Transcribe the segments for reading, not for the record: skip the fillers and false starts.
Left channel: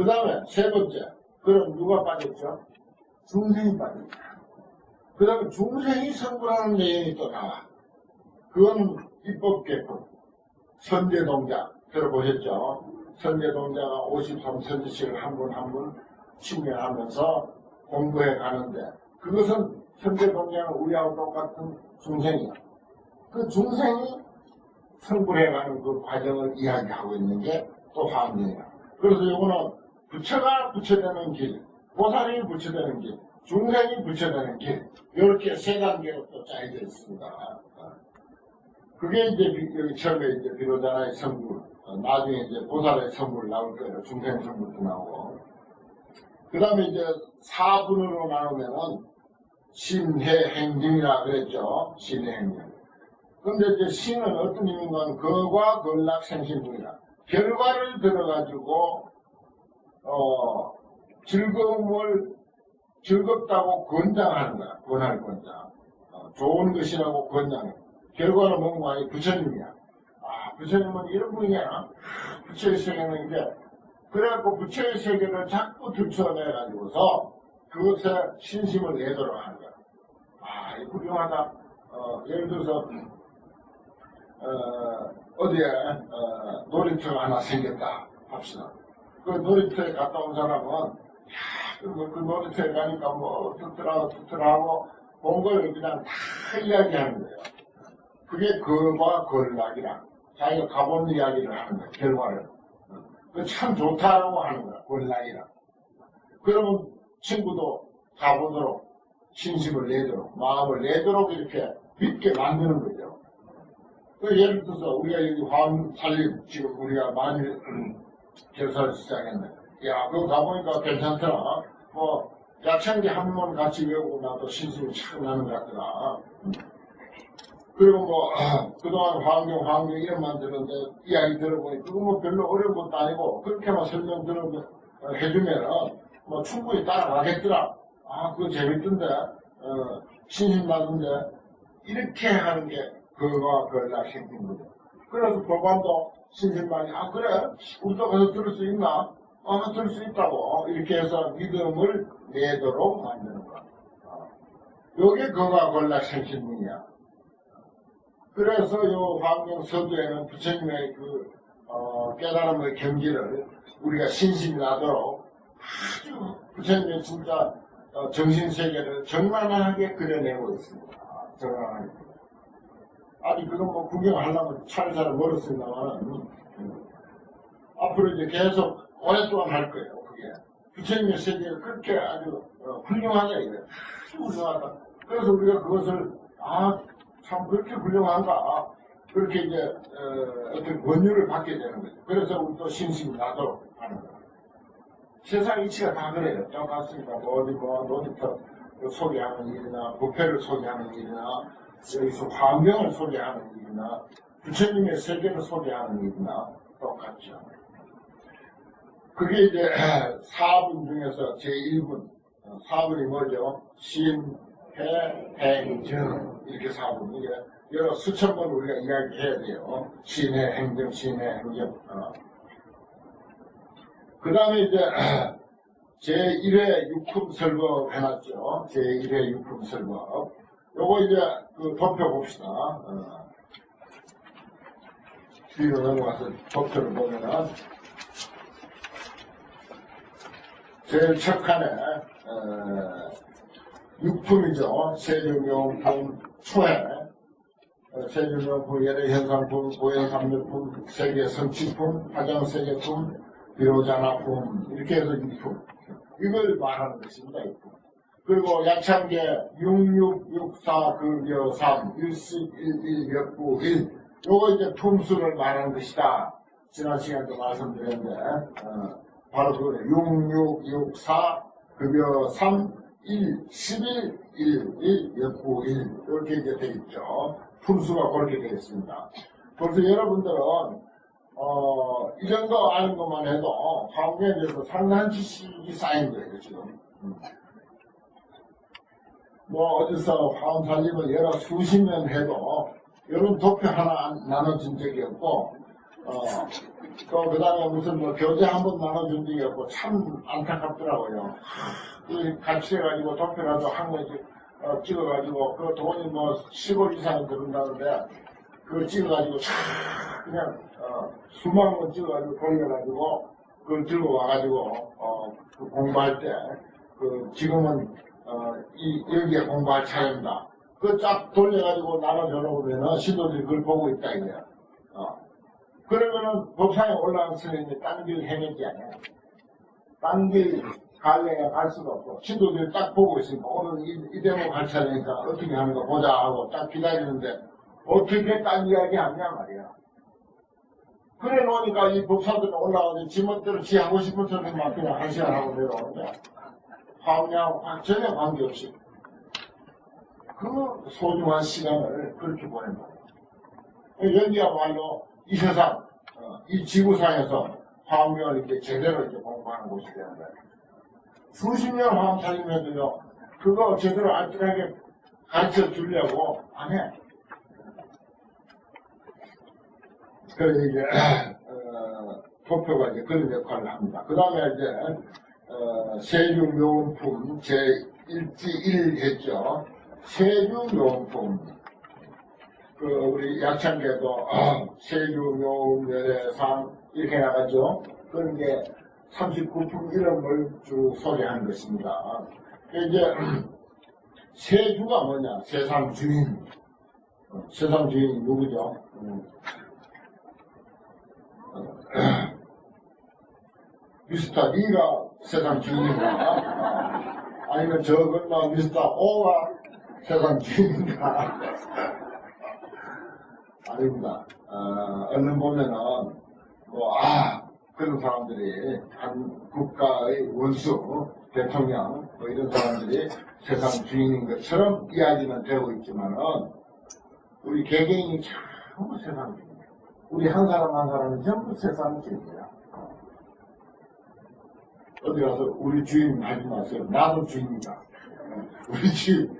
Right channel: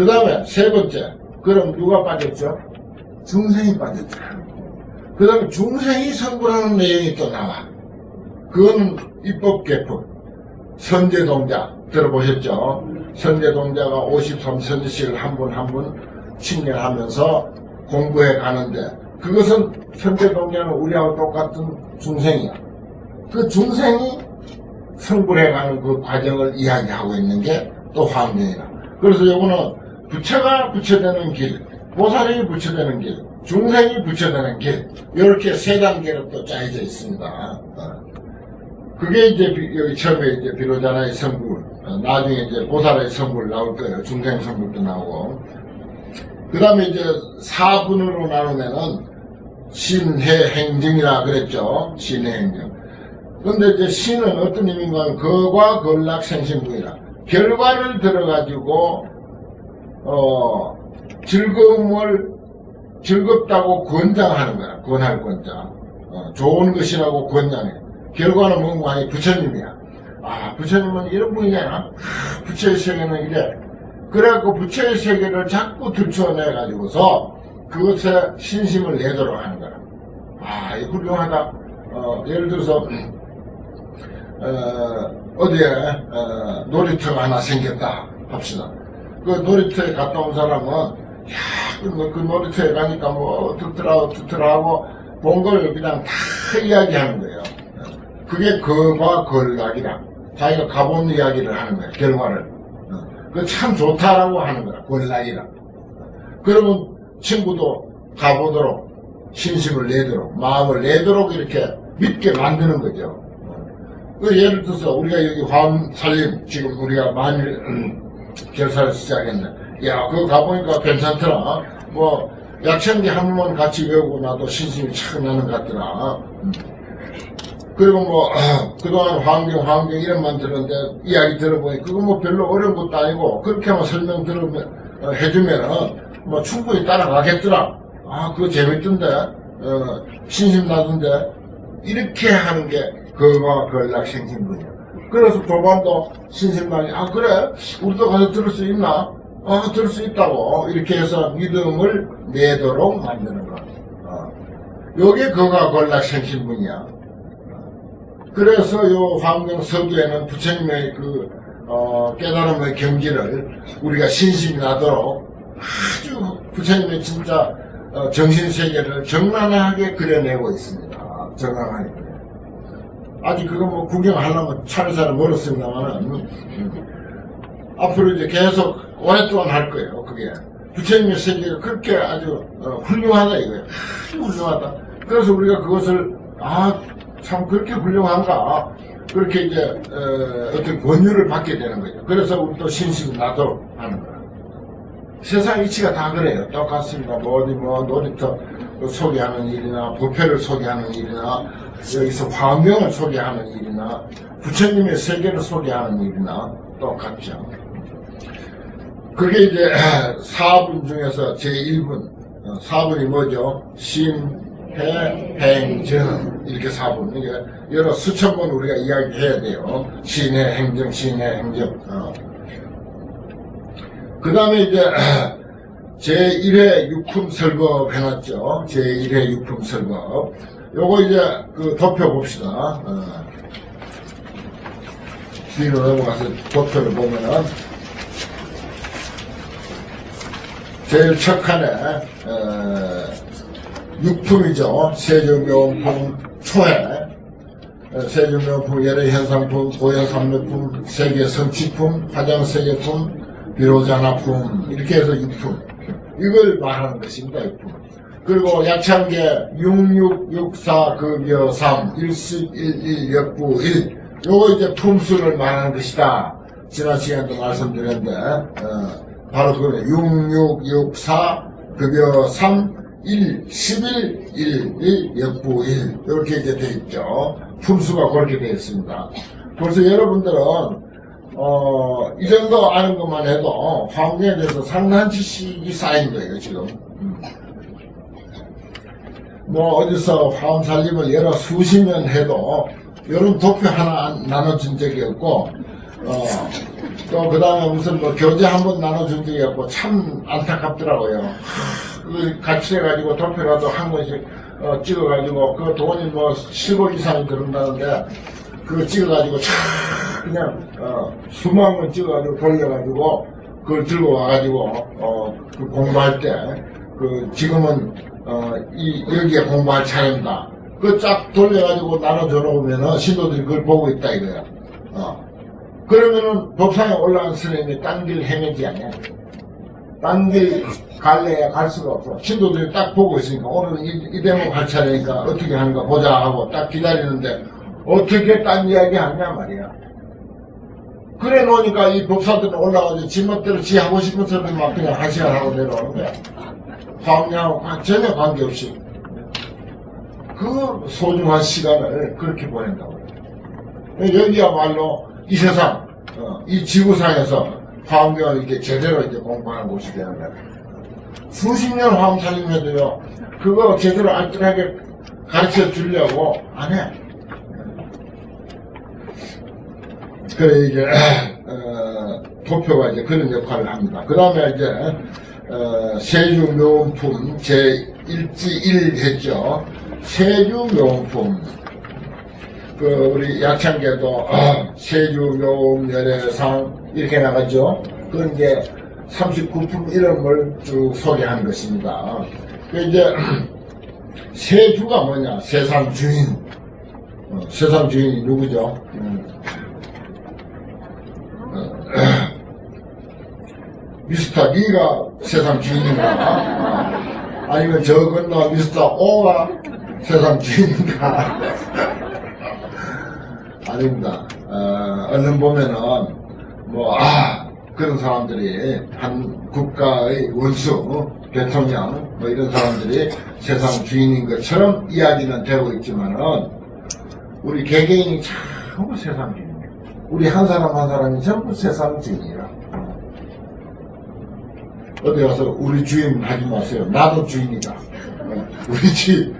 그 다음에 세 번째, 그럼 누가 빠졌죠? 중생이 빠졌죠. 그 다음에 중생이 성불하는 내용이 또 나와. 그거는 입법개품, 선제동자 들어보셨죠? 선제동자가 53선지식을 한 분 한 분 침례하면서 공부해 가는데, 그것은 선제동자는 우리하고 똑같은 중생이야. 그 중생이 성불해가는 그 과정을 이야기하고 있는 게 또 화엄경이다. 그래서 이거는 부처가 부처되는 길, 보살이 부처되는 길, 중생이 부처되는 길, 이렇게 세 단계로 또 짜여져 있습니다. 그게 이제 여기 처음에 이제 비로자나의 성불, 나중에 이제 보살의 성불 나올 거예요. 중생 성불도 나오고. 그 다음에 이제 4분으로 나누면은 신해 행증이라 그랬죠. 신해 행증. 근데 이제 신은 어떤 의미인가 하면 거과 걸락 생신부이라. 결과를 들어가지고, 즐겁다고 권장하는 거야. 권할 권장. 좋은 것이라고 권장해. 결과는 뭔가 아니 부처님이야. 아, 부처님은 이런 분이잖아. 부처의 세계는 이래. 그래갖고 부처의 세계를 자꾸 들춰내가지고서 그것에 신심을 내도록 하는 거야. 아, 이 훌륭하다. 예를 들어서, 어디에, 놀이터가 하나 생겼다 합시다. 그 놀이터에 갔다 온 사람은, 야, 그 놀이터에 가니까 뭐, 듣더라 하고, 본 걸 그냥 다 이야기하는 거예요. 그게 거과 걸락이라. 자기가 가본 이야기를 하는 거예요, 결과를. 그 참 좋다라고 하는 거야, 걸락이라. 그러면 친구도 가보도록, 신심을 내도록, 마음을 내도록 이렇게 믿게 만드는 거죠. 그 예를 들어서 우리가 여기 화엄살림 지금 우리가 만일 결사를 시작했네. 야, 그거 가보니까 괜찮더라. 뭐 약천기 한 번만 같이 외우고 나도 신심이 착 나는 것 같더라. 그리고 뭐 그동안 화엄경 이름만 들었는데 이야기 들어보니 그거 뭐 별로 어려운 것도 아니고 그렇게만 설명 해주면은 뭐 충분히 따라가겠더라. 아, 그거 재밌던데, 신심 나던데, 이렇게 하는 게 거가 걸락 생신분이야. 그래서 조반도 신심만이, 아, 그래? 우리도 가서 들을 수 있나? 들을 수 있다고. 이렇게 해서 믿음을 내도록 만드는 거야. 요게 거가 걸락 생신분이야. 그래서 요 화엄경 서두에는 부처님의 그, 깨달음의 경지를 우리가 신심이 나도록 아주 부처님의 진짜 정신세계를 적나라하게 그려내고 있습니다. 적나라하게. 아직 그거 뭐 구경하려면 차례차례 멀었습니다만은 앞으로 이제 계속 오랫동안 할 거예요. 그게 부처님의 세계가 그렇게 아주 훌륭하다 이거예요. 아주 훌륭하다. 그래서 우리가 그것을 참 그렇게 훌륭한가 그렇게 이제 어떤 권유를 받게 되는 거죠. 그래서 우리 또 신심이 나도록 하는 거예요. 세상 이치가 다 그래요. 똑같습니다. 뭐 어디 뭐 놀이터 소개하는 일이나 부패를 소개하는 일이나 여기서 화엄경을 소개하는 일이나 부처님의 세계를 소개하는 일이나 똑같죠. 그게 이제 4분 중에서 제1분 4분이 뭐죠? 신해 행정 이렇게 4분 이게 여러 수천 번 우리가 이야기해야 돼요. 신해 행정 신해 행정 그 다음에 이제 제1회 육품설법 해놨죠. 제1회 육품설법. 요거 이제 그 도표 봅시다. 뒤로 넘어가서 도표를 보면은 제일 첫 칸에 육품이죠. 세조명품 초해, 세조명품 예례현상품, 고현삼매품, 세계성취품, 화장세계품, 비로자나품 이렇게 해서 육품 이걸 말하는 것입니다. 육품. 그리고 약창계 6664 급여 3 1011 역부 1 요거 이제 품수를 말하는 것이다. 지난 시간에도 말씀드렸는데 바로 그거는 6664 급여 3 1 11 1 역부 1 이렇게 이제 되어 있죠. 품수가 그렇게 되어 있습니다. 그래서 여러분들은 이 정도 아는 것만 해도 화엄경에 대해서 상당한 지식이 쌓인 거예요, 지금. 뭐, 어디서 화엄살림을 여러 수십 년 해도, 이런 도표 하나 나눠준 적이 없고, 또 그 다음에 무슨 뭐 교재 한 번 나눠준 적이 없고 참 안타깝더라고요. 같이 해가지고 도표라도 한 권씩 찍어가지고 그 돈이 뭐 10억 이상이 들은다는데 그거 찍어가지고 참 그냥 수만 원 찍어가지고 돌려가지고 그걸 들고 와가지고 그 공부할 때 그 지금은 여기에 공부할 차례입니다. 그 쫙 돌려가지고 나눠줘 놓으면은 신도들이 그걸 보고 있다 이거야. 그러면은 법상에 올라간 스님이 딴 길 헤매지 않냐? 딴 길 갈래야 갈 수가 없어. 신도들이 딱 보고 있으니까 오늘은 이 대목 할 차례니까 어떻게 하는가 보자 하고 딱 기다리는데 어떻게 딴 이야기 하냐 말이야. 그래 놓으니까 이 법사들은 올라가서 지멋대로 지 하고 싶은 소리만 그냥 한 시간 하고 내려오는 거야. 화엄냐하고 전혀 관계없이 그 소중한 시간을 그렇게 보낸다고. 여기야말로 이 세상, 이 지구상에서 화엄경을 이렇게 제대로 이제 공부하는 곳이 되는 거야. 수십 년 화엄사님해도요, 그거 제대로 알뜰하게 가르쳐 주려고 안 해. 그래, 이제, 도표가 이제 그런 역할을 합니다. 그 다음에 이제, 세주묘음품 제1지1 했죠. 세주묘음품. 우리 약창계도, 세주묘음 열애상, 이렇게 나가죠. 그건 이제 39품 이름을 쭉 소개한 것입니다. 이제, 세주가 뭐냐? 세상 주인. 세상 주인이 누구죠? 미스터 B가 세상 주인인가? 아니면 저 건너 미스터 O가 세상 주인인가? 아닙니다. 얼른 보면은, 그런 사람들이 한 국가의 원수, 대통령, 뭐 이런 사람들이 세상 주인인 것처럼 이야기는 되고 있지만은, 우리 개개인이 전부 세상 주인이에요. 우리 한 사람 한 사람이 전부 세상 주인이에요. 어디 가서 우리 주인 하지 마세요. 나도 주인이다. 우리 주인.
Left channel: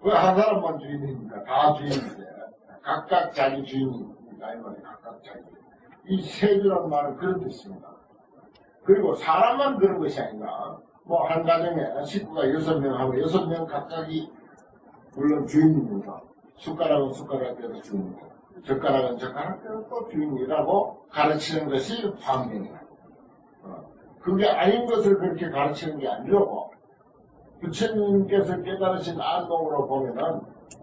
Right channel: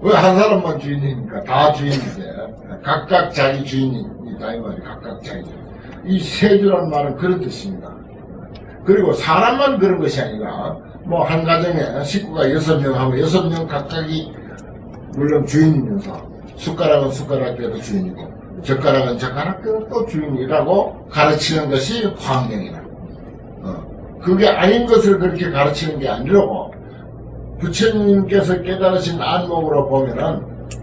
왜 한 사람만 주인이니까 다 주인인데 각각 자기 주인이다 이 말이 각각 자기. 이 세주란 말은 그런 뜻입니다. 그리고 사람만 그런 것이 아니라 뭐 한 가정에 식구가 6명 하고 6명 각각이 물론 주인이면서 숟가락은 숟가락대로 주인이고 젓가락은 젓가락대로 또 주인이라고 가르치는 것이 화엄경이다. 그게 아닌 것을 그렇게 가르치는 게 아니라고 부처님께서 깨달으신 안목으로 보면은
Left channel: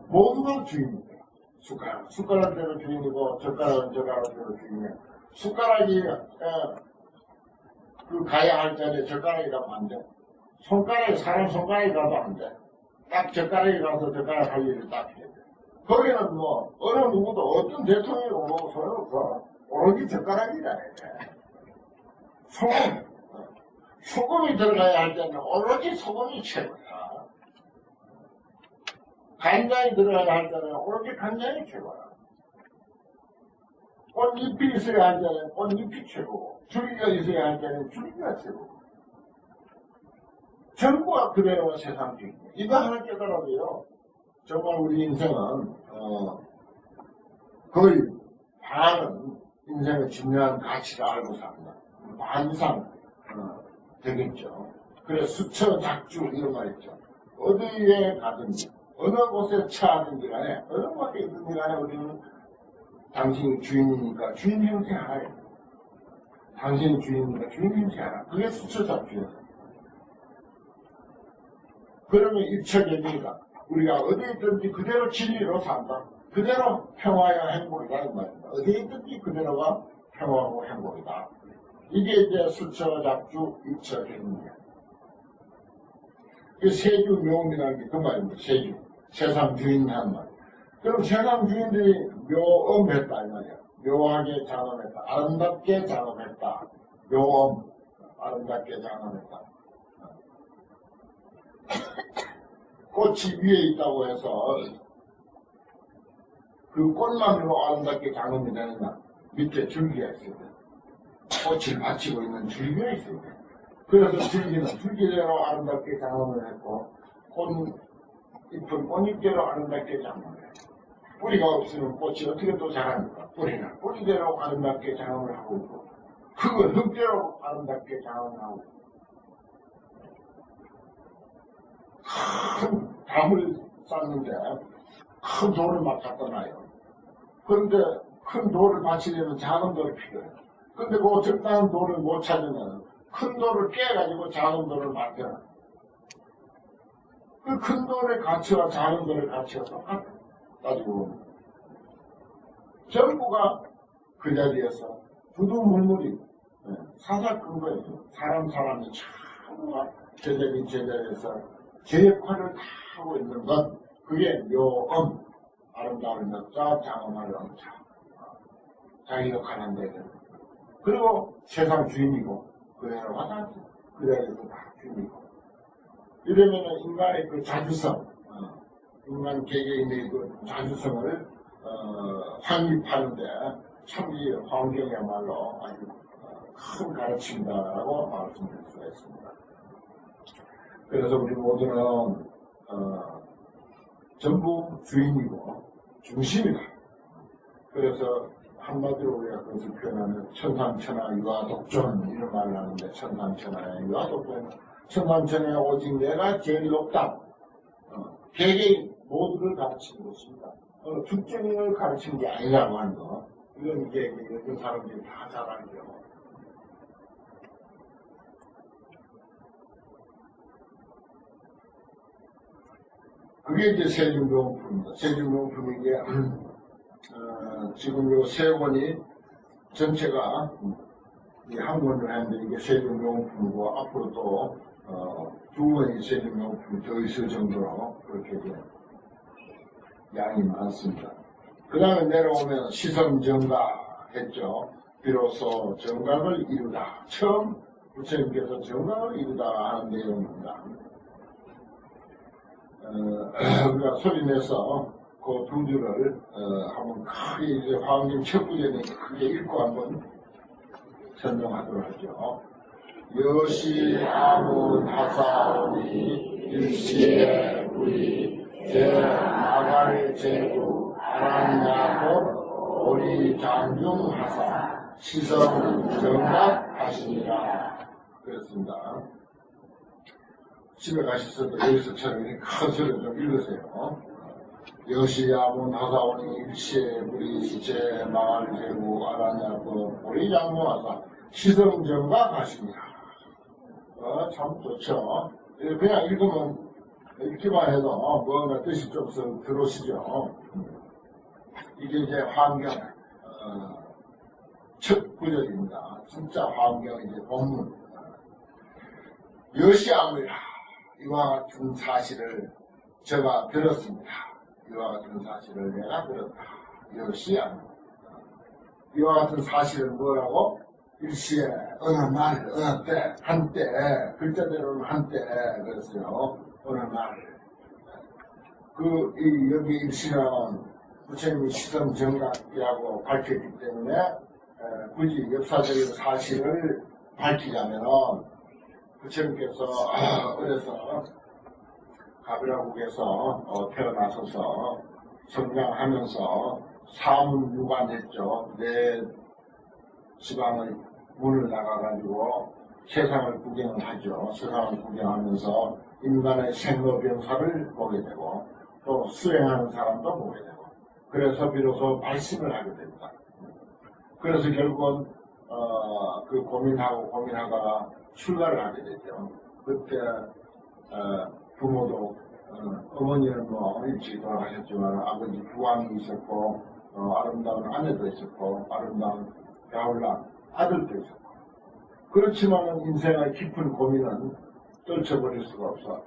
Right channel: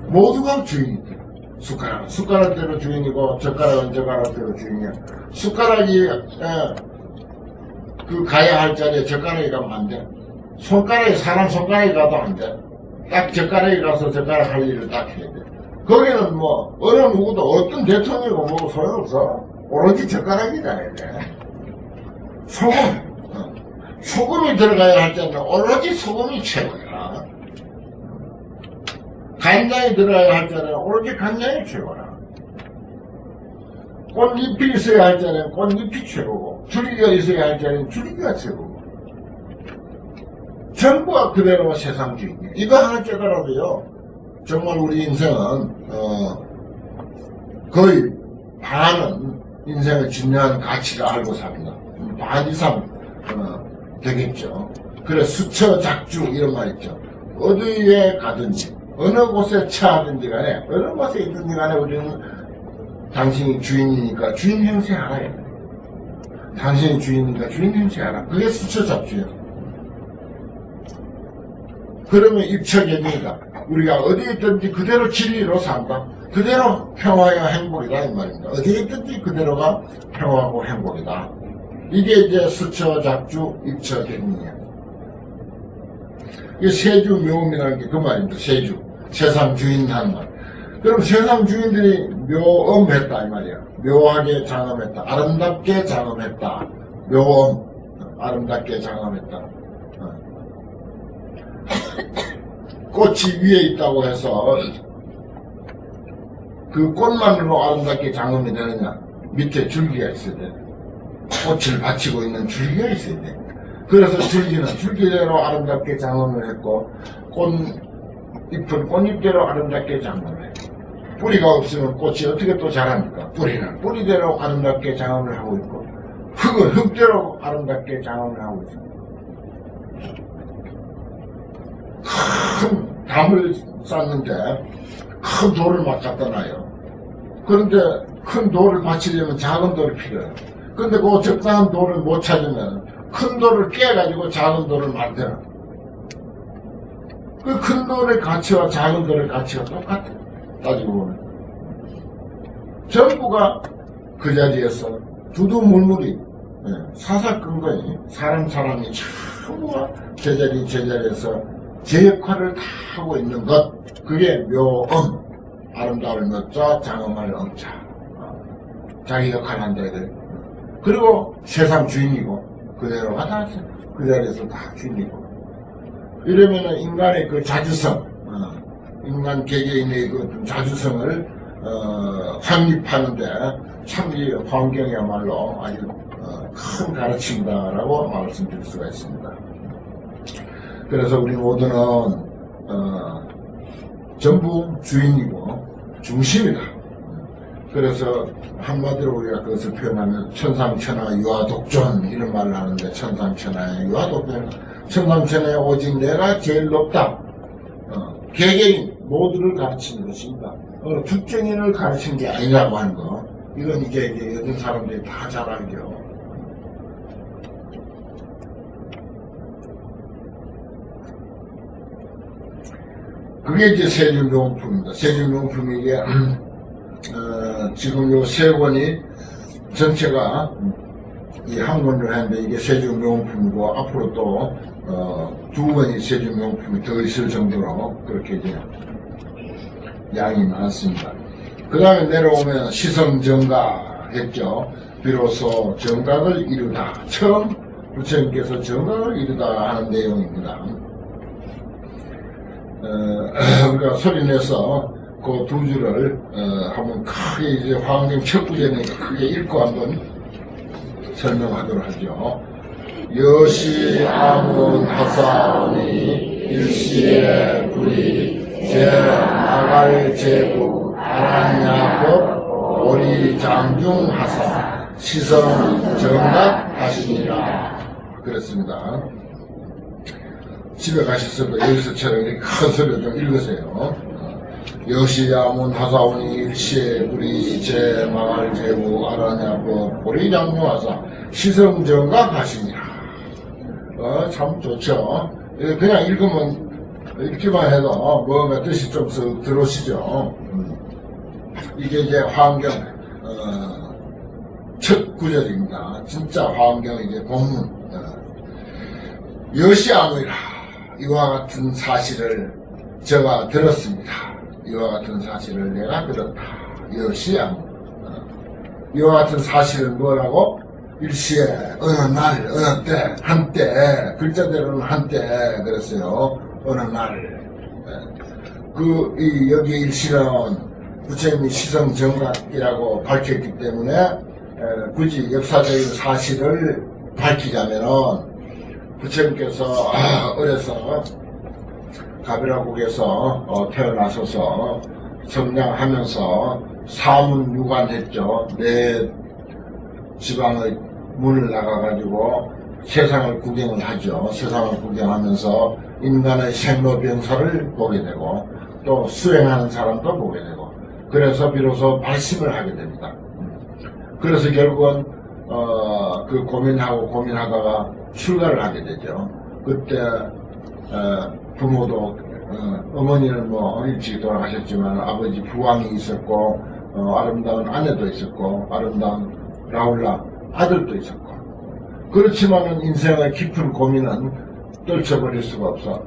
모두가 주인이다. 숟가락은 숟가락대로 주인이고 젓가락은 젓가락대로 주인이야. 숟가락이 그 가야 할 자리에 젓가락이 가면 안 돼. 손가락이 사람 손가락이 가도 안 돼. 딱 젓가락이 가서 젓가락 할 일을 딱 해야 돼. 거기는 뭐 어느 누구도 어떤 대통령이고 뭐 소용없어. 오로지 젓가락이 잘해야 돼. 소금이 들어가야 할 때는 오로지 소금이 최고야. 간장이 들어가야 할 때는 오로지 간장이 최고야. 꽃잎이 있어야 할 때는 꽃잎이 최고고 줄기가 있어야 할 때는 줄기가 최고고 전부가 그대로 세상 주인이야. 이거 하나 깨달아도요 정말 우리 인생은 거의 반은 인생의 중요한 가치를 알고 삽니다. 반 이상 되겠죠. 그래 수처작주 이런 말 있죠. 어디에 가든지 어느 곳에 처하든지 간에 어느 곳에 있든지 간에 우리는 당신이 주인이니까 주인 행세 알아야 돼. 당신이 주인이니까 주인 행세 알아. 그게 수처작주예요. 그러면 입처계입니다. 우리가 어디에 있든지 그대로 진리로 산다. 그대로 평화와 행복이다 이 말입니다. 어디에 있든지 그대로가 평화고 행복이다. 이게 이제 수처작주 입처계입니다. 이게 세주묘음이라는 게 그 말입니다. 세주. 세상 주인 하는 말. 그럼 세상 주인들이 묘음했다 이 말이야. 묘하게 장엄했다. 아름답게 장엄했다. 묘음. 아름답게 장엄했다. 꽃이 위에 있다고 해서 그 꽃만으로 아름답게 장엄이 되느냐? 밑에 줄기가 있어야 돼. 꽃을 받치고 있는 줄기가 있어야 돼. 그래서 줄기는 줄기대로 아름답게 장엄을 했고 꽃잎은 꽃잎대로 아름답게 장엄을 했고 뿌리가 없으면 꽃이 어떻게 또 자랍니까? 뿌리는 뿌리대로 아름답게 장엄을 하고 있고, 흙은 흙대로 아름답게 장엄을 하고 있습니다. 큰 담을 쌓는데 큰 돌을 막 갖다 놔요. 그런데 큰 돌을 받치려면 작은 돌이 필요해요. 근데 그 적당한 돌을 못 찾으면 큰 돌을 깨가지고 작은 돌을 만들어. 그 큰 돌의 가치와 작은 돌의 가치가 똑같아. 따지고 보면. 전부가 그 자리에서 두두물물이 사사건건이 사람이 전부가 제자리에서 제 역할을 다 하고 있는 것. 그게 묘음. 아름다울 묘자, 장엄할 엄자. 자기 역할을 한다 이거예요. 그리고 세상 주인이고 그대로가 다 그 자리에서 다 주인이고. 이러면은 인간의 그 자주성, 인간 개개인의 그 자주성을 확립하는데 참 이 환경이야말로 아주 큰 가르침이다라고 말씀드릴 수가 있습니다. 그래서 우리 모두는 전부 주인이고 중심이다. 그래서 한마디로 우리가 그것을 표현하면 천상천하 유아독존 이런 말을 하는데, 천상천하의 유아독존, 천상천하에 오직 내가 제일 높다. 개개인 모두를 가르치는 것입니다. 특정인을 가르치는 게 아니라고 하는 거, 이건 이제 요즘 사람들이 다 잘 알죠. 그게 이제 세준명품입니다. 세준명품이 이게 지금 요 세 권이 전체가 이 한 권을 하는데 이게 세준명품이고, 앞으로 또 두 권이 세준명품이 더 있을 정도로 그렇게 이제 양이 많습니다. 그 다음에 내려오면 시성정각 했죠. 비로소 정각을 이루다. 처음 부처님께서 정각을 이루다 하는 내용입니다. 우리가 소리내서 그 두 줄을 한번 크게 이제 화엄경 첫 구절이니까 크게 읽고 한번 설명하도록 하죠. 여시 아문 하사오니 일시에 불이 제아갈 제부 아란야법 오리 장중하사 시성 정각 하시니라. 그랬습니다. 집에 가셨을 때 여기서처럼 이렇게 큰 소리로 좀 읽으세요. 여시야문 하사오니 일시에 불이 제마갈 제부 아란야법 오리 장중하사 시성 정각 하시니라. 참 좋죠. 그냥 읽으면, 읽기만 해도 뭔가 뜻이 좀 들어오시죠. 이게 이제 화엄경 첫 구절입니다. 진짜 화엄경 이제 본문. 여시아무이라. 이와 같은 사실을 제가 들었습니다. 이와 같은 사실을 내가 들었다. 여시아무. 이와 같은 사실은 뭐라고? 일시에 어느 날, 어느 때, 한때, 글자대로는 한때 그랬어요. 어느 날. 여기 일시는 부처님이 시성정각이라고 밝혔기 때문에 굳이 역사적인 사실을 밝히자면은 부처님께서 어려서 가비라국에서 태어나셔서 성장하면서 사문유관했죠. 내 지방의 문을 나가가지고 세상을 구경을 하죠. 세상을 구경하면서 인간의 생로병사를 보게 되고 또 수행하는 사람도 보게 되고, 그래서 비로소 발심을 하게 됩니다. 그래서 결국은 그 고민하다가 출가를 하게 되죠. 그때 부모도 어머니는 뭐 일찍 돌아가셨지만 아버지 부왕이 있었고 아름다운 아내도 있었고 아름다운 라울라 아들도 있었고, 그렇지만은 인생의 깊은 고민은 떨쳐버릴 수가 없어.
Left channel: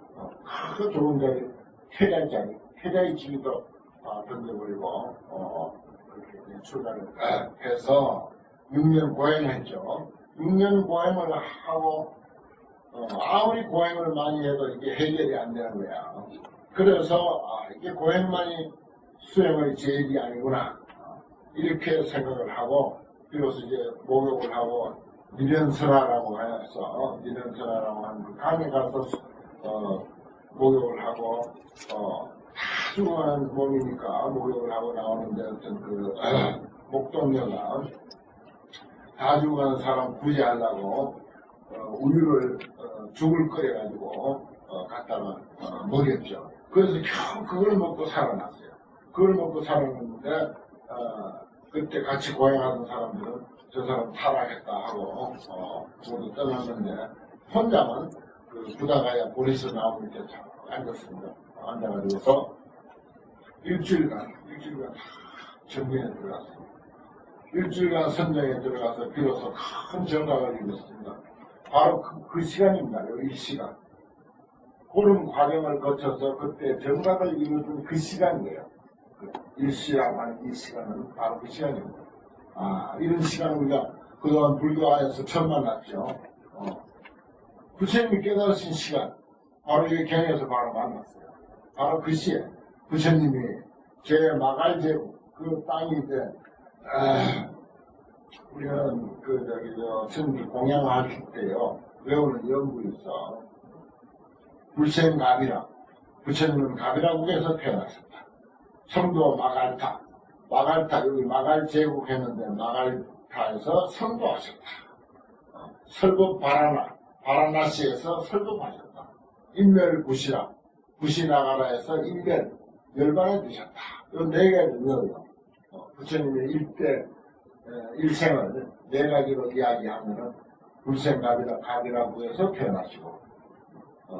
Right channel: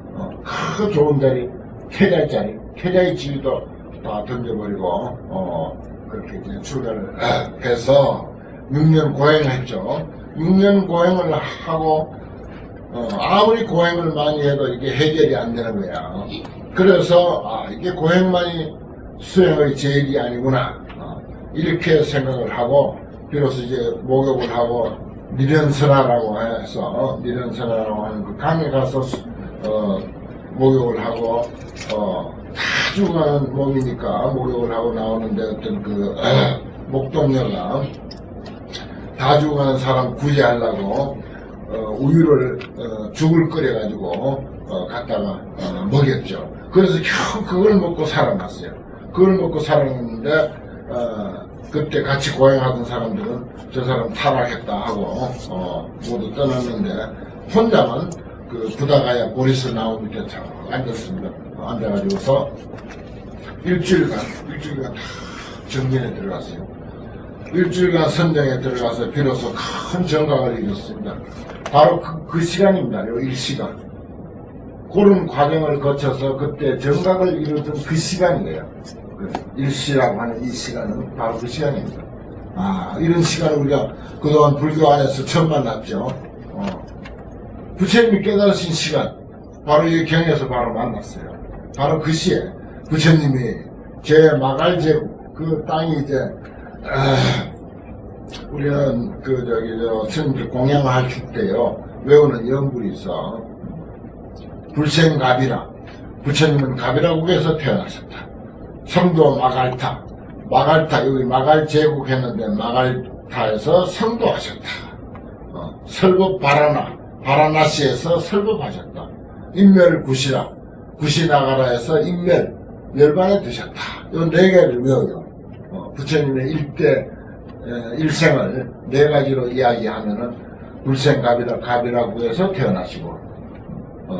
그 좋은 자리, 태자의 지위도 다 던져버리고 그렇게 이제 출가를 해서 6년 고행을 했죠. 6년 고행을 하고 아무리 고행을 많이 해도 이게 해결이 안 되는 거야. 그래서 이게 고행만이 수행의 제일이 아니구나, 이렇게 생각을 하고 비로소 이제 목욕을 하고 니련선화라고 해서 니련선화라고 하는 그 강에 가서 목욕을 하고 다 죽어가는 몸이니까 목욕을 하고 나오는데 어떤 그 목동녀가 다 죽어가는 사람 구제하려고 우유를 죽을 끓여가지고 갖다가 먹였죠. 그래서 겨우 그걸 먹고 살아났어요. 그걸 먹고 살아났는데 그때 같이 고행하던 사람들은 저 사람 타락했다 하고 모두 떠났는데 혼자만 그 부다가야 보리스 나무 밑에 참 앉았습니다. 앉아가지고서 일주일간 다 정진에 들어갔어요. 일주일간 선정에 들어가서 비로소 큰 정각을 이뤘습니다. 바로 그 시간입니다. 요 일시간. 그런 과정을 거쳐서 그때 정각을 이루던 그 시간이에요. 그 일시라고 하는 이 시간은 바로 그 시간입니다. 이런 시간을 우리가 그동안 불교 안에서 처음 만났죠. 부처님이 깨달으신 시간, 바로 이 경에서 바로 만났어요. 바로 그 시에 부처님이 제 마갈제국, 그 땅이 이제, 우리는 스님들 공양할 때요, 외우는 연불이 있어. 불생갑이라, 부처님은 갑이라국에서 태어나셨다. 성도 마갈타, 여기 마갈제국 했는데 마갈타에서 성도하셨다. 설법 바라나시에서 설법하셨다. 인멸구시라, 구시나가라에서 인멸, 열반에 드셨다. 이 네 개를 외워요. 부처님의 일생을 네 가지로 이야기하면은 불생갑이라, 갑이라국에서 태어나시고,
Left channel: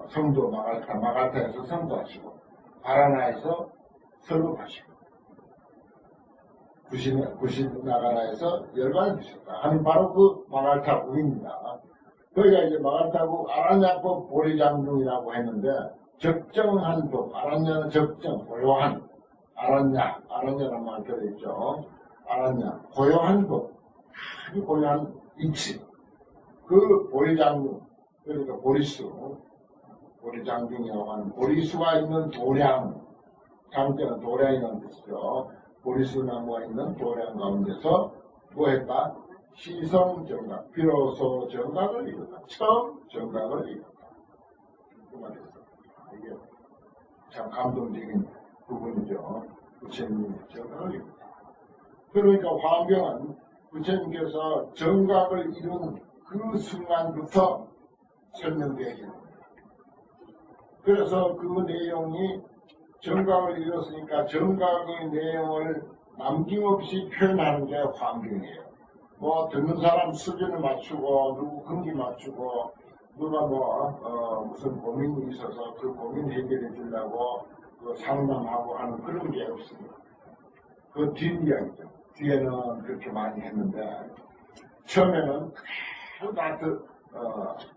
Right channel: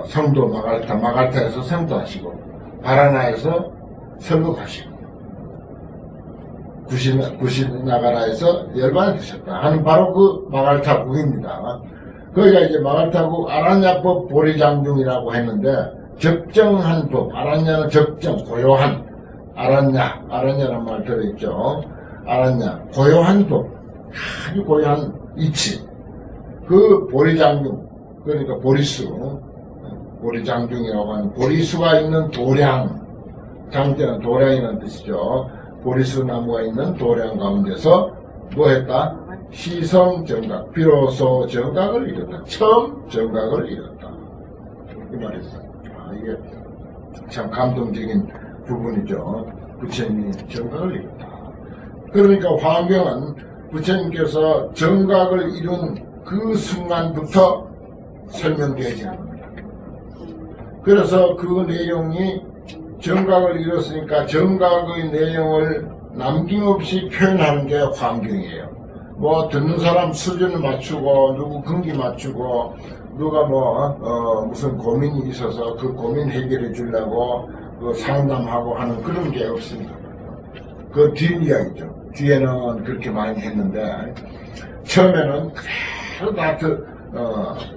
성도 마갈타에서 성도하시고, 바라나에서 설법하시고, 구시나가라에서 열반에 드셨다 하는 바로 그 마갈타국입니다. 거기가 이제 마갈타국 아라냐법 보리장중이라고 했는데, 적정한 법, 아라냐는 적정, 고요한, 아라냐라는 말 들어있죠. 아라냐, 고요한 법, 아주 고요한 이치. 그 보리장중, 그러니까 보리장중이라고 하는 보리수가 있는 도량, 장자는 도량이라는 뜻이죠. 보리수 나무가 있는 도량 가운데서 뭐 했다? 시성정각, 비로소 정각을 이뤘다. 처음 정각을 이뤘다. 이 말이었어요. 이게 참 감동적인 부분이죠. 부처님이 정각을 이뤘다. 그러니까 화엄경은 부처님께서 정각을 이룬 그 순간부터 설명되어진 겁니다. 그래서 그 내용이 정각을 이뤘으니까 정각의 내용을 남김없이 표현하는 게 화엄경이에요. 뭐 듣는 사람 수준을 맞추고 누구 근기 맞추고 누가 무슨 고민이 있어서 그 고민 해결해 주려고 그 상담하고 하는 그런 게 없습니다. 그 뒷이야기죠. 뒤에는 그렇게 많이 했는데 처음에는 그대로 다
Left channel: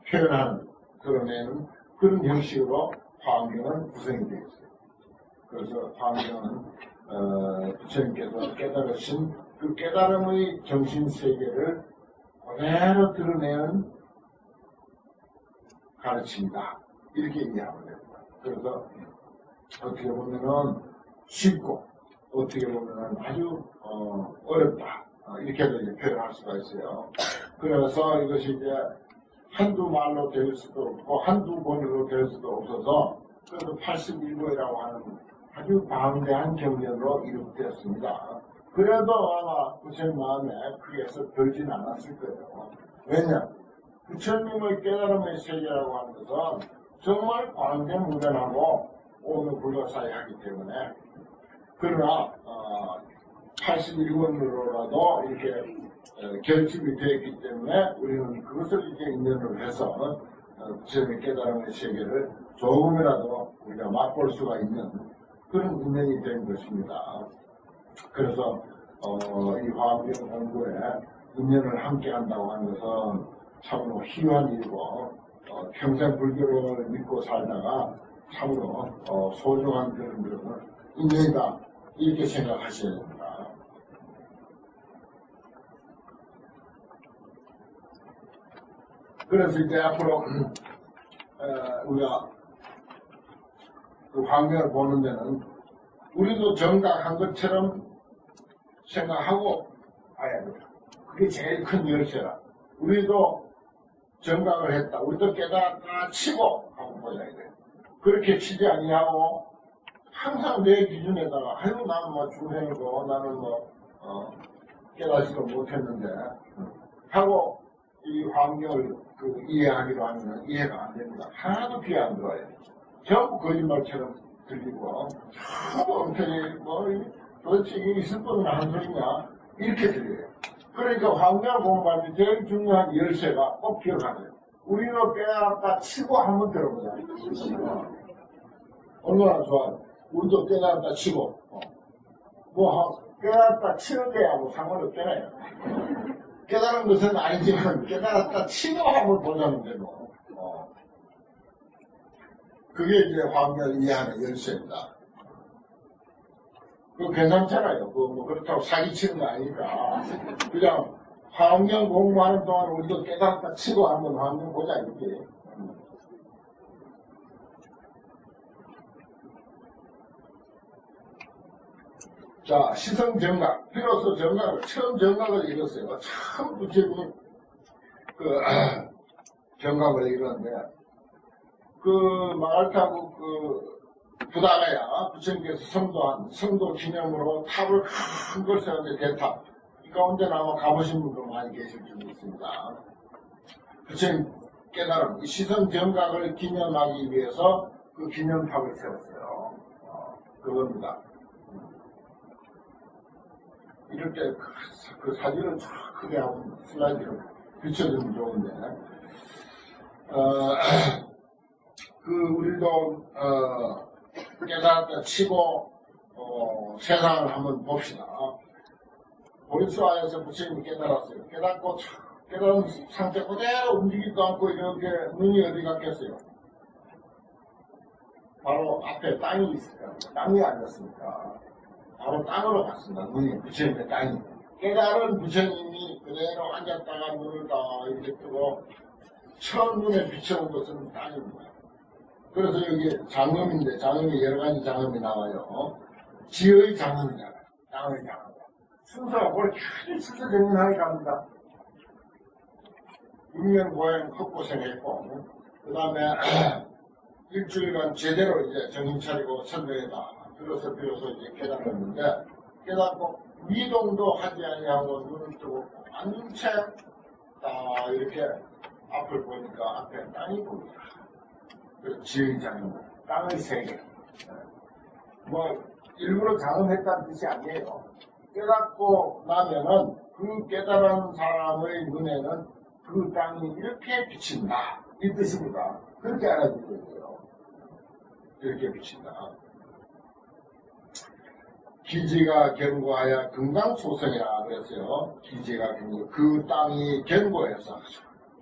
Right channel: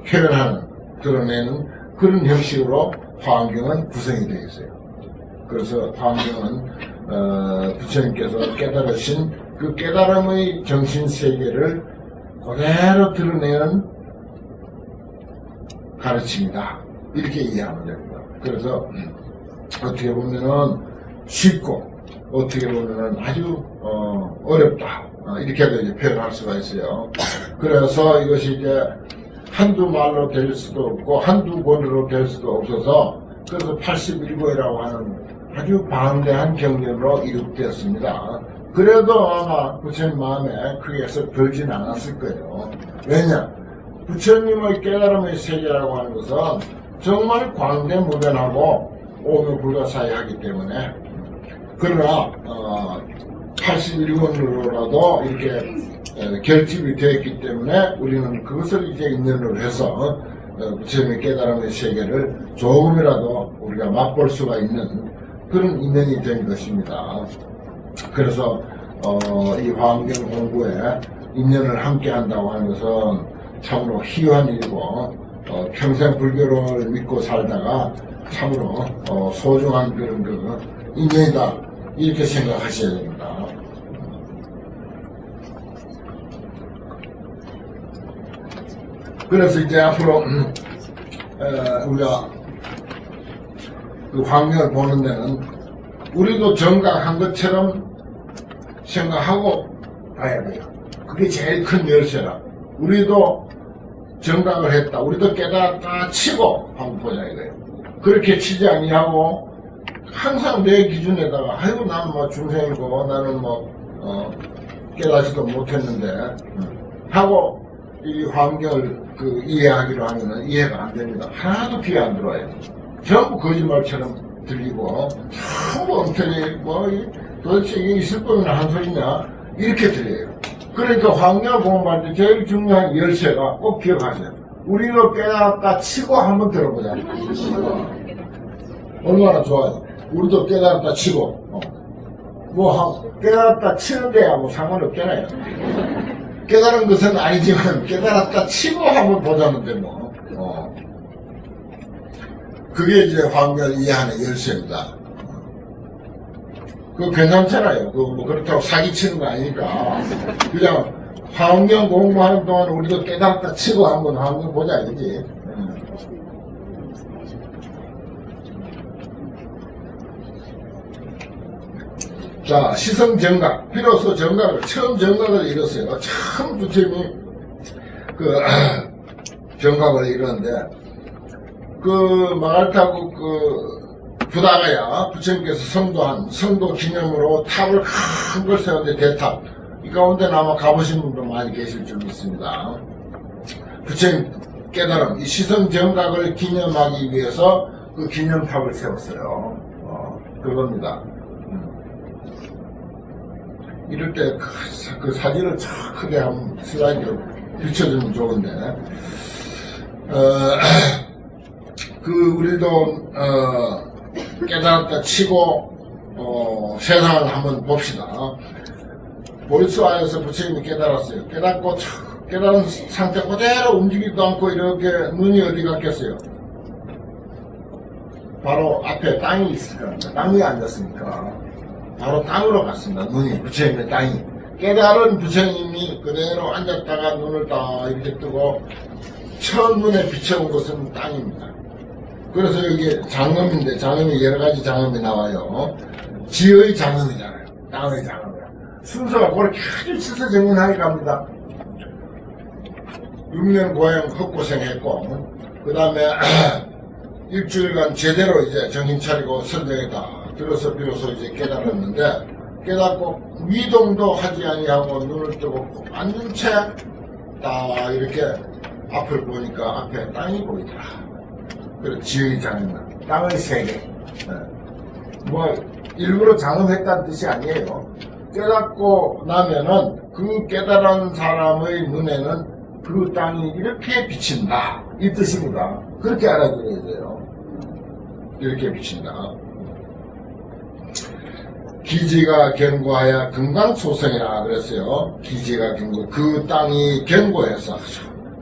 표현하는, 드러내는 그런 형식으로 화엄경은 구성이 되어 있어요. 그래서 화엄경은 부처님께서 깨달으신 그 깨달음의 정신세계를 그대로 드러내는 가르침이다. 이렇게 이해하면 됩니다. 그래서 어떻게 보면은 쉽고 어떻게 보면은 아주 어렵다. 이렇게도 이제 표현할 수가 있어요. 그래서 이것이 이제 한두 말로 될 수도 없고 한두 권으로 될 수도 없어서 그래서 81권이라고 하는 아주 방대한 경전으로 이룩되었습니다. 그래도 아마 부처님 마음에 크게 썩 들진 않았을 거예요. 왜냐? 부처님의 깨달음의 세계라고 하는 것은 정말 광대무변하고 오묘불가사의하기 때문에, 그러나 81권으로라도 이렇게 결집이 되었기 때문에 우리는 그것을 이제 인연으로 해서 부처님의 깨달음의 세계를 조금이라도 우리가 맛볼 수가 있는 그런 인연이 된 것입니다. 그래서 이 화엄경 공부에 인연을 함께 한다고 하는 것은 참으로 희귀한 일이고 평생 불교를 믿고 살다가 참으로 소중한 그런 그 인연이다, 이렇게 생각하셔야 됩니다. 그래서 이제 앞으로 우리가 그 화엄경을 보는 데는 우리도 정각한 것처럼 생각하고 봐야 돼요. 그게 제일 큰 열쇠라. 우리도 정각을 했다, 우리도 깨달았다 치고 한번 보자 이거예요. 그렇게 치지 아니하고 항상 내 기준에다가 아이고 나는 뭐 중생이고 나는 뭐 깨닫지도 못했는데 하고 이 환경을 이해하기로 하면은 이해가 안 됩니다. 하나도 귀에 안 들어와요. 전부 거짓말처럼 들리고 전부 엉터리 뭐 도대체 이게 있을 거면 한 소리냐 이렇게 들려요. 그러니까 환경을 공부할 때 제일 중요한 열쇠가 꼭 기억하세요. 우리로 깨달았다 치고 한번 들어보자. 얼마나 좋아요. 우리도 깨달았다 치고 깨달았다 치는데야 뭐 상관없잖아요. 깨달은 것은 아니지만 깨달았다 치고 한번 보자는데 뭐 그게 이제 환경을 이해하는 열쇠입니다. 그거 괜찮잖아요. 뭐 그렇다고 사기치는 거 아니니까 그냥 환경 공부하는 동안 우리도 깨달았다 치고 한번 환경 보자 이지. 자, 시성 정각. 비로소 정각을, 처음 정각을 이뤘어요. 참 부처님이 정각을 이뤘는데, 마갈타국 부다가야 부처님께서 성도한 성도 기념으로 탑을 큰 걸 세웠는데 대탑. 이 가운데는 아마 가보신 분도 많이 계실 줄 믿습니다. 부처님 깨달음, 이 시성 정각을 기념하기 위해서 그 기념탑을 세웠어요. 그겁니다. 이럴 때 그 사진을 참 크게 한번 슬라이드로 비춰주면 좋은데, 우리도, 깨달았다 치고, 세상을 한번 봅시다. 보리수아에서 부처님이 깨달았어요. 깨달은 상태 그대로 움직이지도 않고 이렇게 눈이 어디 갔겠어요? 바로 앞에 땅이 있을 겁니다. 땅 위에 앉았으니까. 바로 땅으로 갔습니다. 눈이, 부처님의 땅이. 깨달은 부처님이 그대로 앉았다가 눈을 딱 이렇게 뜨고 첫눈에 비춰본 것은 땅입니다. 그래서 여기 장엄인데, 장엄이 여러가지 장엄이 나와요. 지의 장엄이잖아요. 땅의 장엄. 순서가 그렇게 아주 치서정연하게 갑니다. 6년 고행 헛고생했고, 그 다음에 일주일간 제대로 이제 정신 차리고 선정했다. 들어서 비로소 이제 깨달았는데, 깨닫고 미동도 하지 아니하고 눈을 뜨고 앉은 채 딱 이렇게 앞을 보니까 앞에 땅이 보이더라. 그래서 지의 장엄, 땅의 세계. 뭐 일부러 장엄했다는 뜻이 아니에요. 깨닫고 나면은 그 깨달은 사람의 눈에는 그 땅이 이렇게 비친다. 이 뜻입니다. 그렇게 알아들어야 돼요. 이렇게 비친다. 기지가 견고하여 금강소성이라 그랬어요. 기지가 견고. 그 땅이 견고해서.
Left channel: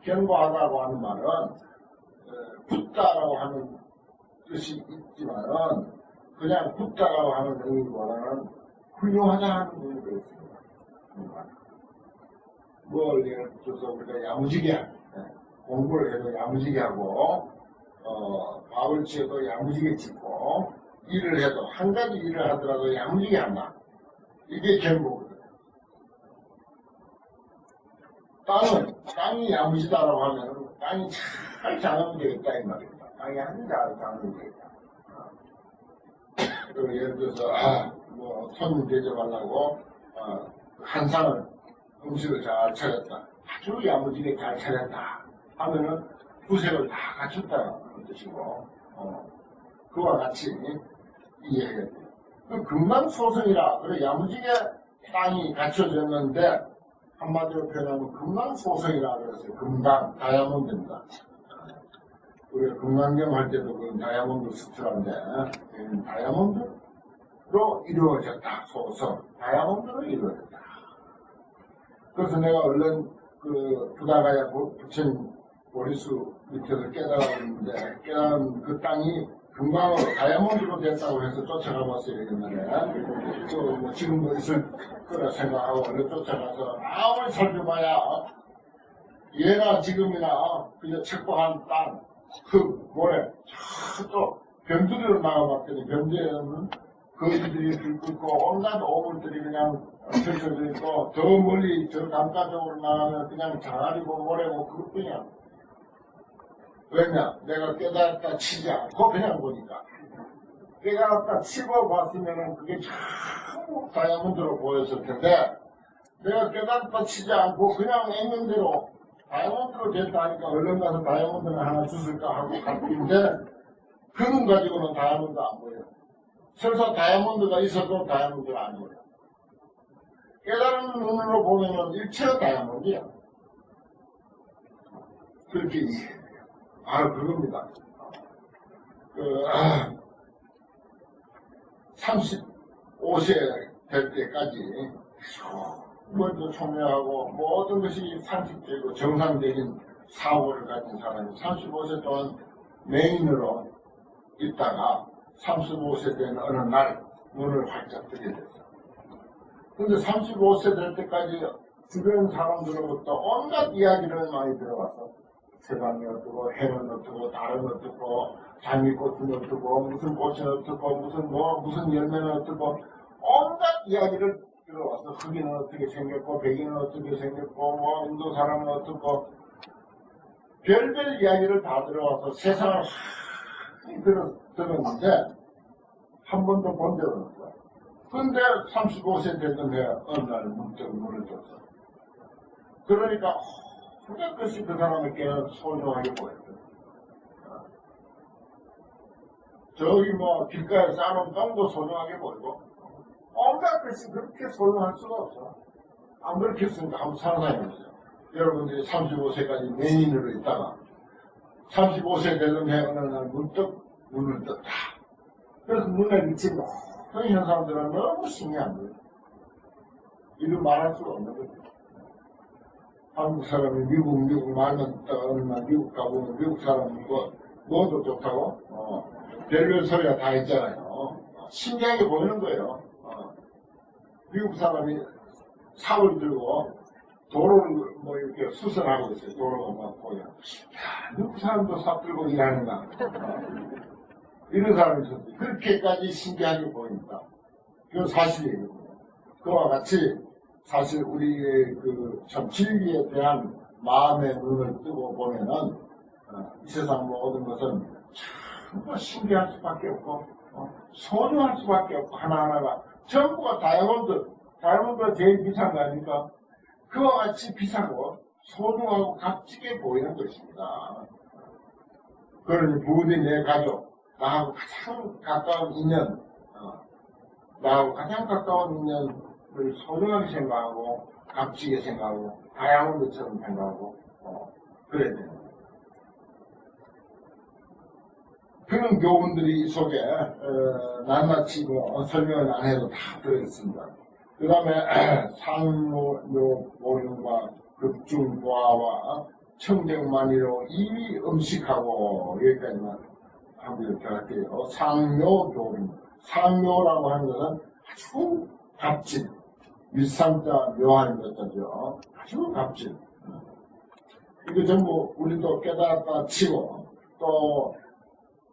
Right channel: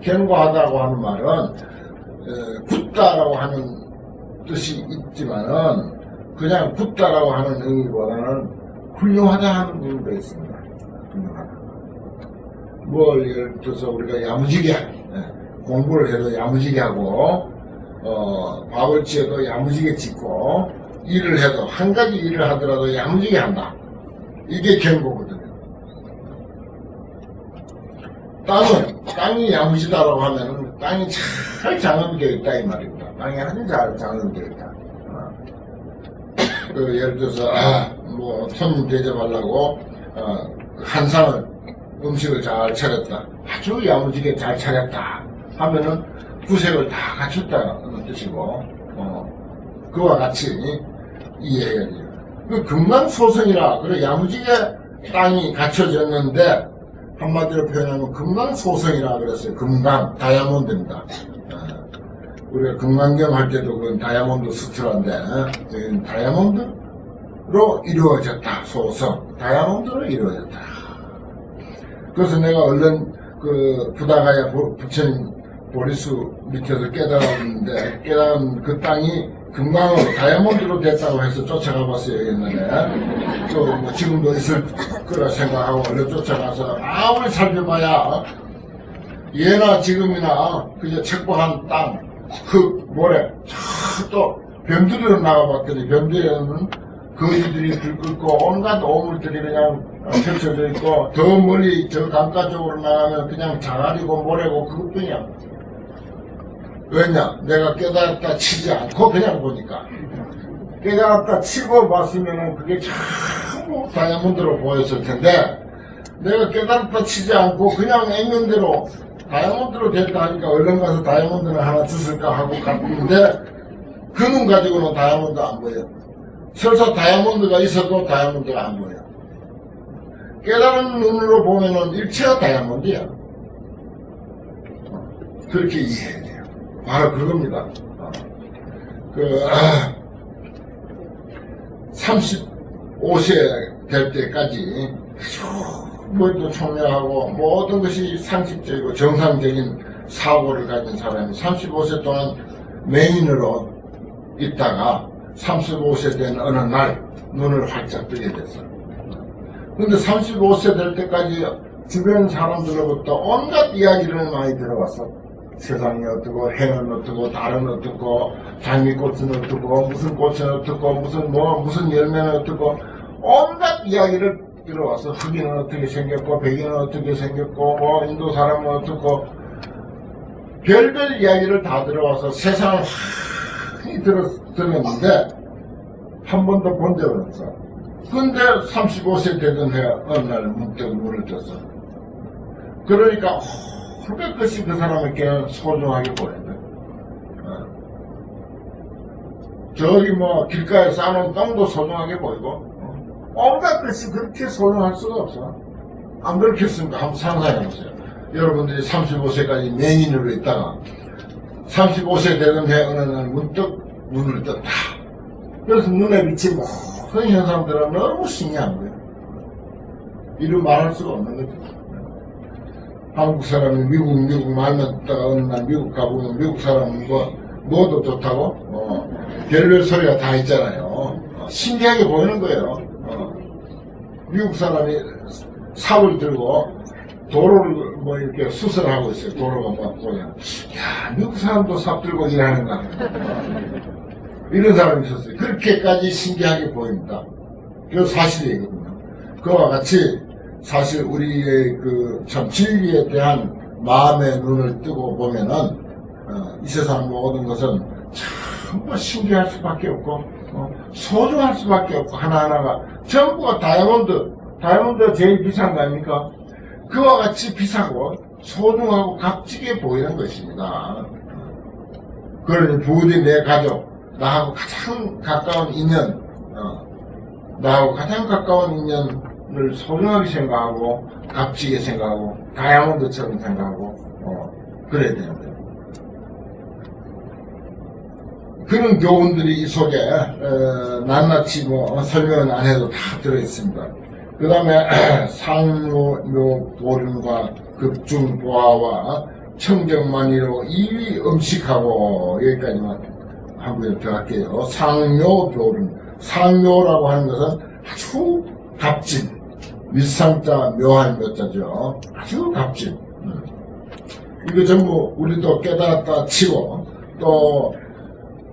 견고하다고 하는 말은 굳다라고 하는 뜻이 있지만은 그냥 굳다라고 하는 의미보다는 훌륭하다 하는 의미가 있습니다. 훌륭하다. 뭘 예를 들어서 우리가 야무지게 공부를 해도 야무지게 하고 밥을 지어도 야무지게 짓고 일을 해도 한 가지 일을 하더라도 야무지게 한다. 이게 견고거든요. 땅이 야무지다라고 하면은 땅이 잘 장엄되어 있다 이 말입니다. 땅이 아주 잘 장엄되어 있다. 예를 들어서 뭐 손님 대접하려고 한상을 음식을 잘 차렸다. 아주 야무지게 잘 차렸다 하면은 구색을 다 갖췄다는 뜻이고 그와 같이 이해해야 돼요. 그 금강소성이라 그래 야무지게 땅이 갖춰졌는데 한마디로 표현하면 금강소성이라 그랬어요. 금강 다이아몬드입니다. 우리가 금강경 할 때도 그건 다이아몬드 스트라인데 여기는 다이아몬드로 이루어졌다. 소성 다이아몬드로 이루어졌다. 그래서 내가 얼른 부다가야 부처님 보리수 밑에서 깨달았는데 깨달은 그 땅이 금강으로 다이아몬드로 됐다고 해서 쫓아가 봤어요. 옛날에 또 지금도 있을 거라 생각하고 얼른 쫓아가서 아무리 살펴봐야 예나 지금이나 그저 책보한 땅 흙, 모래, 또 변두리로 나가봤더니 변두리에는 거지들이 들끓고 온갖 오물들이 그냥 펼쳐져 있고 더 멀리 저 강가 쪽으로 나가면 그냥 자갈이고 모래고 그것뿐이야. 왜냐? 내가 깨달았다 치지 않고 그냥 보니까 깨달았다 치고 봤으면은 그게 전부 다이아몬드로 보였을 텐데, 내가 깨달았다 치지 않고 그냥 액면대로 다이아몬드로 됐다 하니까 얼른 가서 다이아몬드를 하나 주실까 하고 갔는데, 그 눈 가지고는 다이아몬드 안 보여. 설사 다이아몬드가 있어도 다이아몬드가 안 보여. 깨달은 눈으로 보면은 일체가 다이아몬드야. 그렇게 이해해야 돼요. 바로 그겁니다. 35세 될 때까지 머리도 총명하고 모든 것이 상식적이고 정상적인 사고를 가진 사람이 35세 동안 맹인으로 있다가 35세 된 어느 날 눈을 활짝 뜨게 됐어요. 근데 35세 될 때까지 주변 사람들로부터 온갖 이야기를 많이 들어왔어. 세상이 어떻고, 해는 어떻고, 달은 어떻고, 장미꽃은 어떻고, 무슨 꽃은 어떻고, 무슨 열매는 어떻고, 온갖 이야기를 들어와서 흑인은 어떻게 생겼고, 백인은 어떻게 생겼고, 인도 사람은 어떻고, 별별 이야기를 다 들어와서 세상을 많이 들었는데, 한 번도 본 적은 없어. 근데 35세 되던 해 어느 날 문득 눈을 떴어. 그러니까 온갖 것이 그 사람에게 소중하게 보였네. 저기 뭐 길가에 쌓아놓은 똥도 소중하게 보이고, 온갖 것이 그렇게 소중할 수가 없어. 안 그렇겠습니까? 한번 상상해보세요. 여러분들이 35세까지 맹인으로 있다가 35세 되던 해 어느 날 문득 눈을 떴다. 그래서 눈에 비친 모든 현상들은 너무 신기한 거예요. 이루 말할 수가 없는 거죠. 한국 사람이 미국 말만 듣다가 어느 날 미국 가보면 미국 사람은 뭐도 좋다고? 별별 소리가 다 있잖아요. 신기하게 보이는 거예요. 미국 사람이 삽을 들고 도로를 뭐 이렇게 수설하고 있어요. 도로가 막 보면. 야, 미국 사람도 삽 들고 일하는가. 이런 사람이 있었어요. 그렇게까지 신기하게 보입니다. 그건 사실이거든요. 그와 같이 사실 우리의 참 진리에 대한 마음의 눈을 뜨고 보면은 이 세상 모든 것은 전부 신기할 수밖에 없고 소중할 수밖에 없고 하나하나가 전부가 다이아몬드가 제일 비싼 거 아닙니까? 그와 같이 비싸고 소중하고 값지게 보이는 것입니다. 그러니 부디 내 가족, 나하고 가장 가까운 인연, 을 소중하게 생각하고 값지게 생각하고 다이아몬드처럼 생각하고 그래야 되는 거예요. 그런 교훈들이 이 속에 낱낱이 설명은 안 해도 다 들어있습니다. 그 다음에 상묘보름과 급중보화와 청정만이로 이위 음식하고 여기까지만 한번 더 할게요. 상묘보름, 상묘라고 하는 것은 아주 값진, 윗상자 묘한 묘자죠. 아주 값진. 이거 전부 우리도 깨달았다 치고 또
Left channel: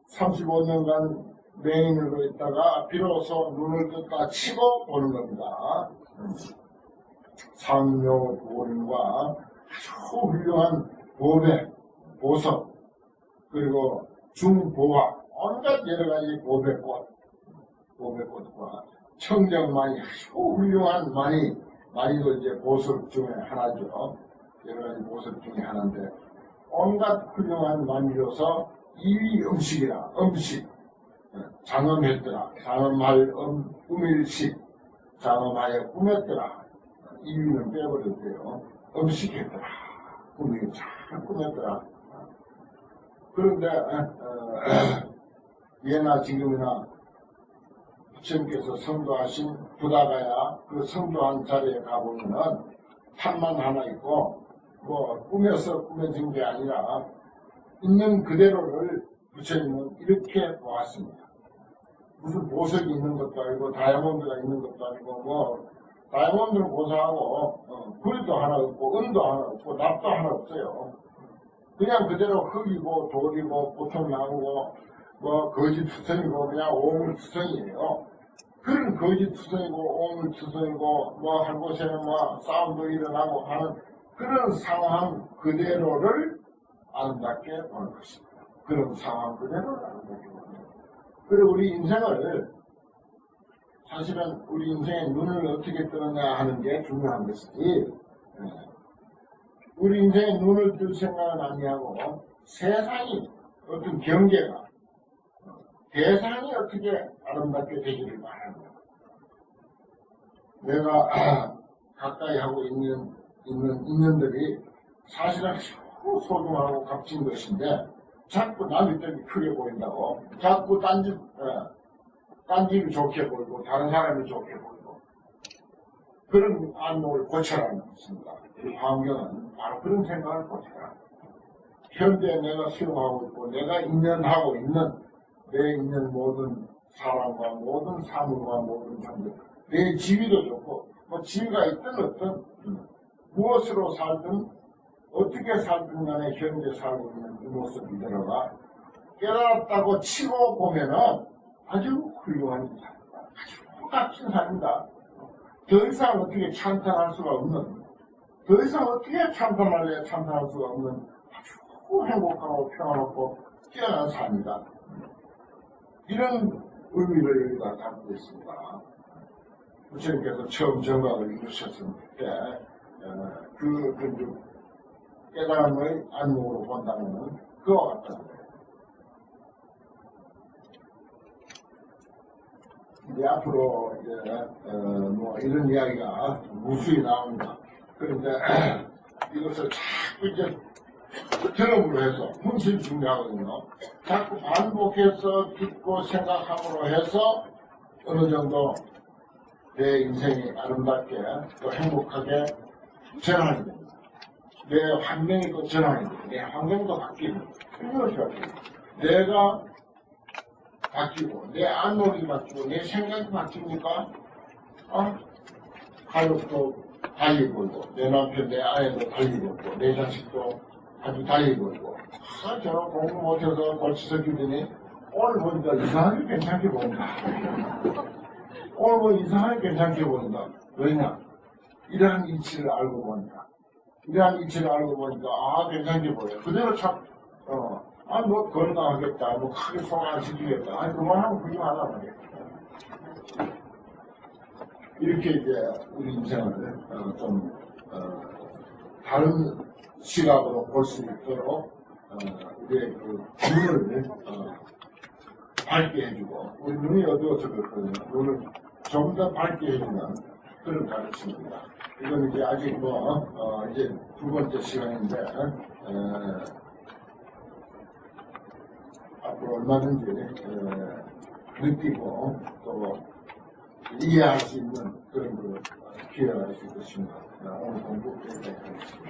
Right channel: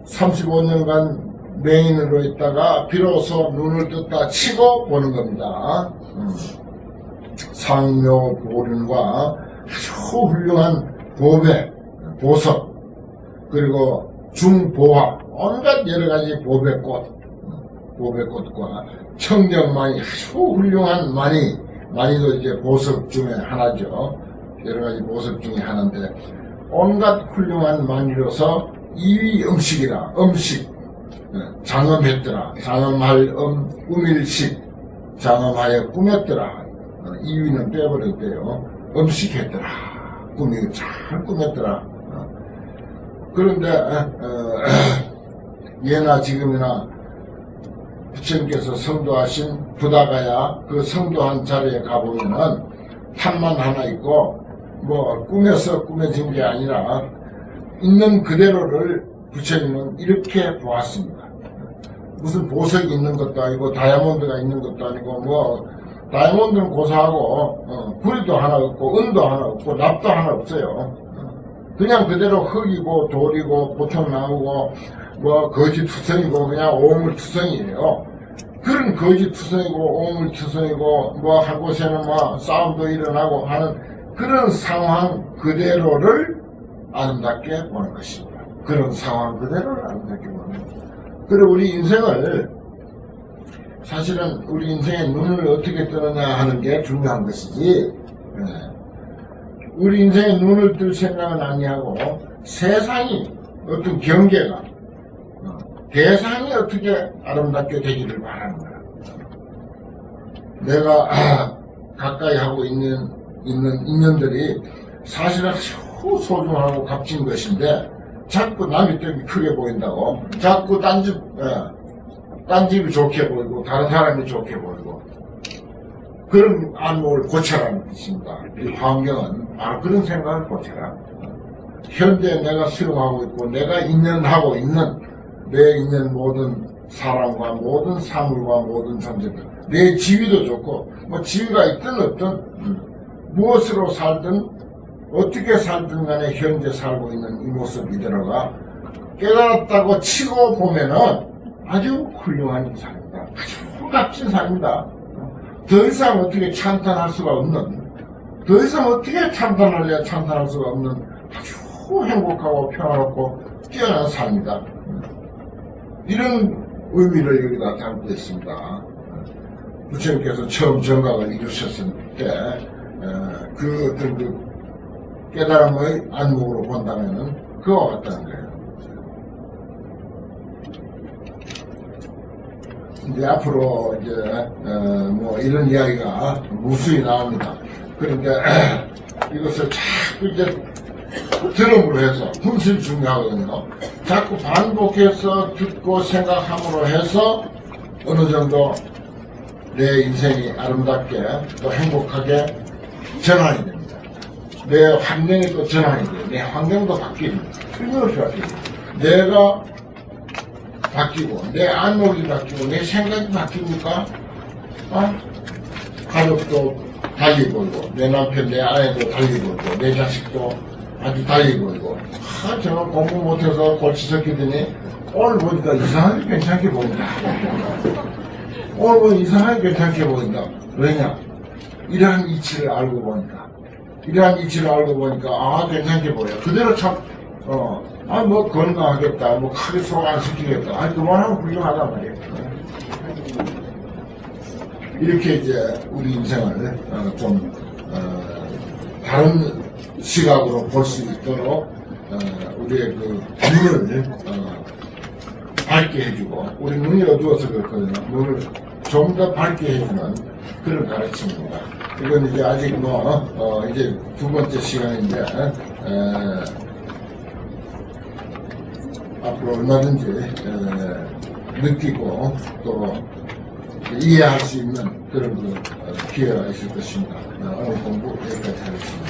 35년간 맹인으로 있다가 비로소 눈을 떴다 치고 보는 겁니다. 상묘보륜과 아주 훌륭한 보배, 보석, 그리고 중보화, 온갖 여러가지 보배꽃과 청정만이 아주 훌륭한 많이도 이제 보석 중에 하나죠. 여러가지 보석 중에 하나인데, 온갖 훌륭한 만이로서 이위 음식이라, 장엄했더라. 장엄할 음일식, 장엄하여 꾸몄더라. 이위는 빼버렸대요. 음식했더라. 잘 꾸몄더라. 그런데 예나 지금이나 부처님께서 성도하신 부다가야 그 성도한 자리에 가보면은 판만 하나 있고 꾸며서 꾸며진 게 아니라 있는 그대로를 부처님은 이렇게 보았습니다. 무슨 보석이 있는 것도 아니고 다이아몬드가 있는 것도 아니고 다이아몬드는 고사하고 구리도 하나 없고 은도 하나 없고 납도 하나 없어요. 그냥 그대로 흙이고 돌이고 보통나무고 거지투성이고 그냥 오물투성이에요. 그런 거지투성이고 오물투성이고 한 곳에는 싸움도 일어나고 하는 그런 상황 그대로를 아름답게 보는 것입니다. 그런 상황 그대로를 아름답게 보는 것입니다. 그리고 우리 인생을 사실은 우리 인생의 눈을 어떻게 뜨느냐 하는 게 중요한 것이지, 우리 인생의 눈을 뜰 생각은 아니하고 세상이 어떤 경계가 대상이 어떻게 아름답게 되기를 바라는 거야. 내가 가까이 하고 있는 인연들이 사실은 아주 소중하고 값진 것인데 자꾸 남이 때문에 크게 보인다고, 자꾸 딴집이 좋게 보이고 다른 사람이 좋게 보이고, 그런 안목을 고쳐라는 뜻입니다. 이 환경은 바로 그런 생각을 고쳐라. 현재 내가 수용하고 있고 내가 인연하고 있는 내 인연 모든 사람과 모든 사물과 모든 존재들, 내 지위도 좋고 뭐 지위가 있든 없든 무엇으로 살든 어떻게 살든 간에 현재 살고 있는 이 모습 이대로가 깨달았다고 치고 보면은 아주 훌륭한 인상입니다. 아주 값진 삶입니다. 더 이상 어떻게 찬탄할 수가 없는, 더 이상 어떻게 찬탄할래야 찬탄할 수가 없는 아주 행복하고 평화롭고 뛰어난 삶이다. 이런 의미를 여기다 담고 있습니다. 부처님께서 처음 정각을 이루셨을 때 그 어떤 그 깨달음의 안목으로 본다면은 그와 같다는 거예요. 이제 앞으로 이제 뭐 이런 이야기가 무수히 나옵니다. 그러니까 이것을 자꾸 이제 들음으로 해서 훨씬 중요하거든요. 자꾸 반복해서 듣고 생각함으로 해서 어느 정도 내 인생이 아름답게 또 행복하게 전환이 됩니다. 내 환경이 또 전환이 돼요. 내 환경도 바뀝니다. 틀림없이 바뀝니다. 내가 바뀌고 내 안목이 바뀌고 내 생각이 바뀝니까? 가족도 달리 보이고 내 남편 내 아내도 달리 보이고 내 자식도 아주 달리 보이고, 제가 공부 못해서 골치 섞이더니 오늘 보니까 이상하게 괜찮게 보인다. 오늘 보니까 이상하게 괜찮게 보인다. 왜냐? 이러한 이치를 알고 보니까, 괜찮게 보여. 그대로 참 뭐 건강하겠다, 뭐 크게 속 안 시키겠다. 아니 그만하면 훌륭하단 말이에요. 이렇게 이제 우리 인생을 좀 다른 시각으로 볼 수 있도록 우리의 그 눈을 밝게 해주고, 우리 눈이 어두워서 그렇거든요. 눈을 좀 더 밝게 해주는 그런 가르침입니다. 이건 이제 아직 이제 두 번째 시간인데 앞으로 얼마든지 느끼고 또 이해할 수 있는 그런 기회가 있을 것입니다. 오늘 공부 여기까지 하겠습니다.